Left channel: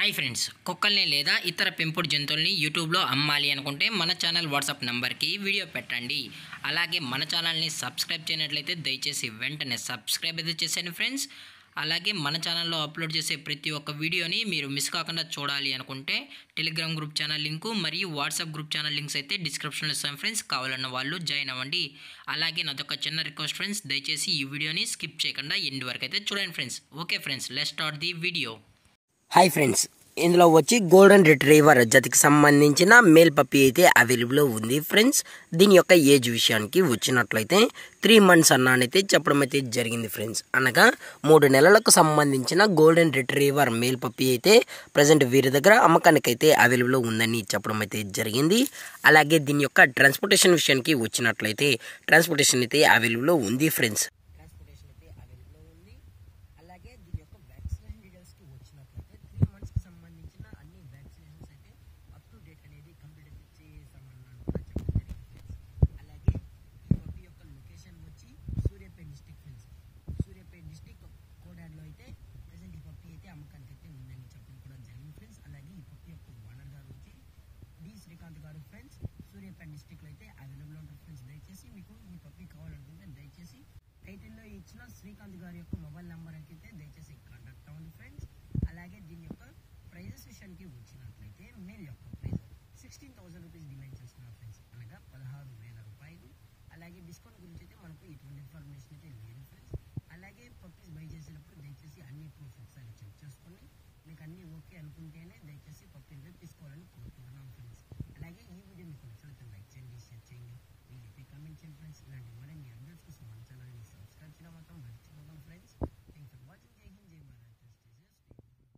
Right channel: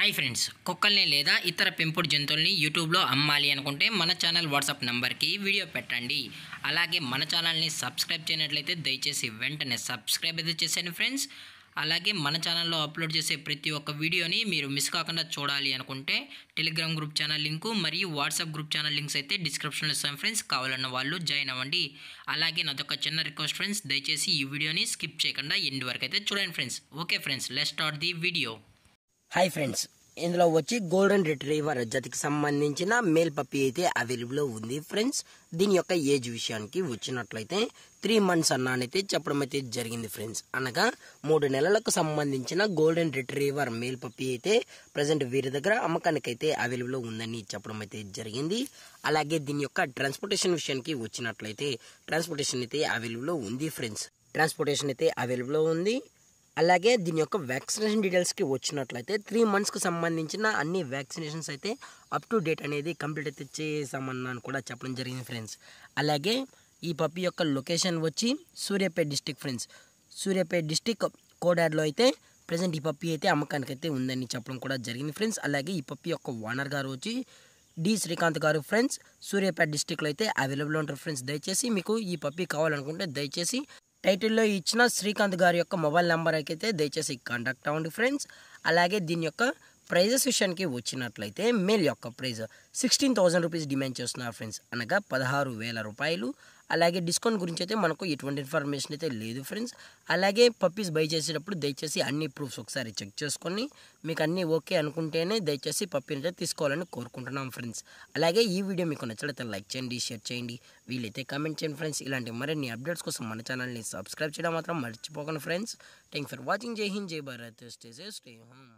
Hi friends, కుక్కల్ని లేదా ఇతర పెంపుడు జంతువుల్ని యూట్యూబ్లో అమ్మాలి అనుకుంటే మన ఛానల్ వాట్సాప్ నెంబర్కి వీడియో పెట్టండి. అలాగే మన ఛానల్ని సబ్స్క్రైబ్ చేయనట్లయితే దయచేసి వెంటనే సబ్స్క్రైబ్ అయితే చేసేయండి ఫ్రెండ్స్. అలాగే మన ఛానల్లో అప్లోడ్ చేసే ప్రతి ఒక్క వీడియోని మీరు మిస్ కాకుండా చూడాలి అనుకుంటే టెలిగ్రామ్ గ్రూప్ ఛానల్ లింకు మరియు వాట్సాప్ గ్రూప్ ఛానల్ లింక్స్ అయితే డిస్క్రిప్షన్లో ఇస్తాను ఫ్రెండ్స్. కావాలన్న వాళ్ళు జాయిన్ అవ్వండి. అలాగే నాదొక చిన్న రిక్వెస్ట్ ఫ్రెండ్స్, దయచేసి ఈ వీడియోని స్కిప్ చేయకుండా ఎండ్ వరకు అయితే చూడండి friends. Okay friends, let's start the video. Hi friends, ఇందులో వచ్చి గోల్డెన్ రిట్రీవర్ జాతికి సంబంధించిన మేల్ పప్పీ అయితే అవైలబుల్లో ఉంది ఫ్రెండ్స్. దీని యొక్క ఏజ్ విషయానికి వచ్చినట్లయితే 3 months అన్నానైతే చెప్పడం అయితే జరిగింది ఫ్రెండ్స్. అనగా 3 నెలలకు సంబంధించిన గోల్డెన్ రిట్రీవర్ మేల్ పప్పీ అయితే ప్రజెంట్ వీరి దగ్గర అమ్మకానికి అయితే అవైలబుల్లో ఉందని చెప్పడం అయితే జరిగింది. అలాగే దీని యొక్క ట్రాన్స్పోర్టేషన్ విషయానికి వచ్చినట్లయితే ట్రాన్స్పోర్టేషన్ అయితే అవైలబుల్లో ఉంది ఫ్రెండ్స్. ట్రాన్స్పోర్టేషన్ అయితే అవైలబుల్లో ఉంది. అలాగే దీని యొక్క వ్యాక్సినేషన్ డీటెయిల్స్కి వచ్చినట్లయితే 3 monthsకి సంబంధించిన అన్ని వ్యాక్సినేషన్స్ అయితే అప్ టు డేట్ అనేది కంప్లీట్ అయితే చేసామన్నాను కూడా చెప్పడం జరిగింది ఫ్రెండ్స్. అలాగే ఈ పప్పీ యొక్క లొకేషన్ వచ్చి Suryapet district friends. Suryapet district కోడాడ్లో అయితే ప్రజెంట్ ఈ పప్పీ అయితే అమ్మకానికి అయితే ఉందని చెప్పడం కూడా జరిగింది ఫ్రెండ్స్. అలాగే ఈ పప్పీ యొక్క ఓనర్ గారు వచ్చి డి శ్రీకాంత్ గారు ఫ్రెండ్స్. సూర్యాపేట డిస్టిక్లో అయితే అవైలబుల్ ఉంటారు ఫ్రెండ్స్. దయచేసి మీకు ఈ పప్పీ కావాలనుకుంటే దయచేసి టైటిల్లో ఇచ్చిన శ్రీకాంత్ గారి యొక్క మొబైల్ నెంబర్ అయితే దయచేసి కాంటాక్ట్ అవ్వండి ఫ్రెండ్స్. అలాగే దీని యొక్క ప్రైజెస్ విషయానికి వచ్చినట్లయితే మేల్ యొక్క ప్రైజ్ 16,000 రూపీస్ డిమాండ్ చేస్తున్నారు ఫ్రెండ్స్, అనగా 16,000 రూపాయలు. అలాగే డిస్కౌంట్ గురించి అయితే మనకు ఎటువంటి ఇన్ఫర్మేషన్ అయితే లేదు ఫ్రెండ్స్. అలాగే పప్పీస్ బై చేసేటప్పుడు దయచేసి అన్ని ప్రూఫ్స్ ఒకసారి చెక్ చేసుకొని మీకు అన్నీ ఓకే అనుకుంటేనే దయచేసి పప్పీని అయితే తీసుకోవాలని కోరుకుంటున్నాం ఫ్రెండ్స్. అలాగే ఈ వీడియో మీకు నచ్చినట్లయితే లైక్ చేయండి, షేర్ చేయండి, వీలైతే కామెంట్ చేయండి ఫ్రెండ్స్. ఇలాంటి మరిన్ని అప్డేట్స్ కోసం మన ఛానల్ని సబ్స్క్రైబ్ చేయడం మాత్రం మర్చిపోకండి ఫ్రెండ్స్. Thank for watching. జై హింద్, జై Bharat, stay safe, stay home.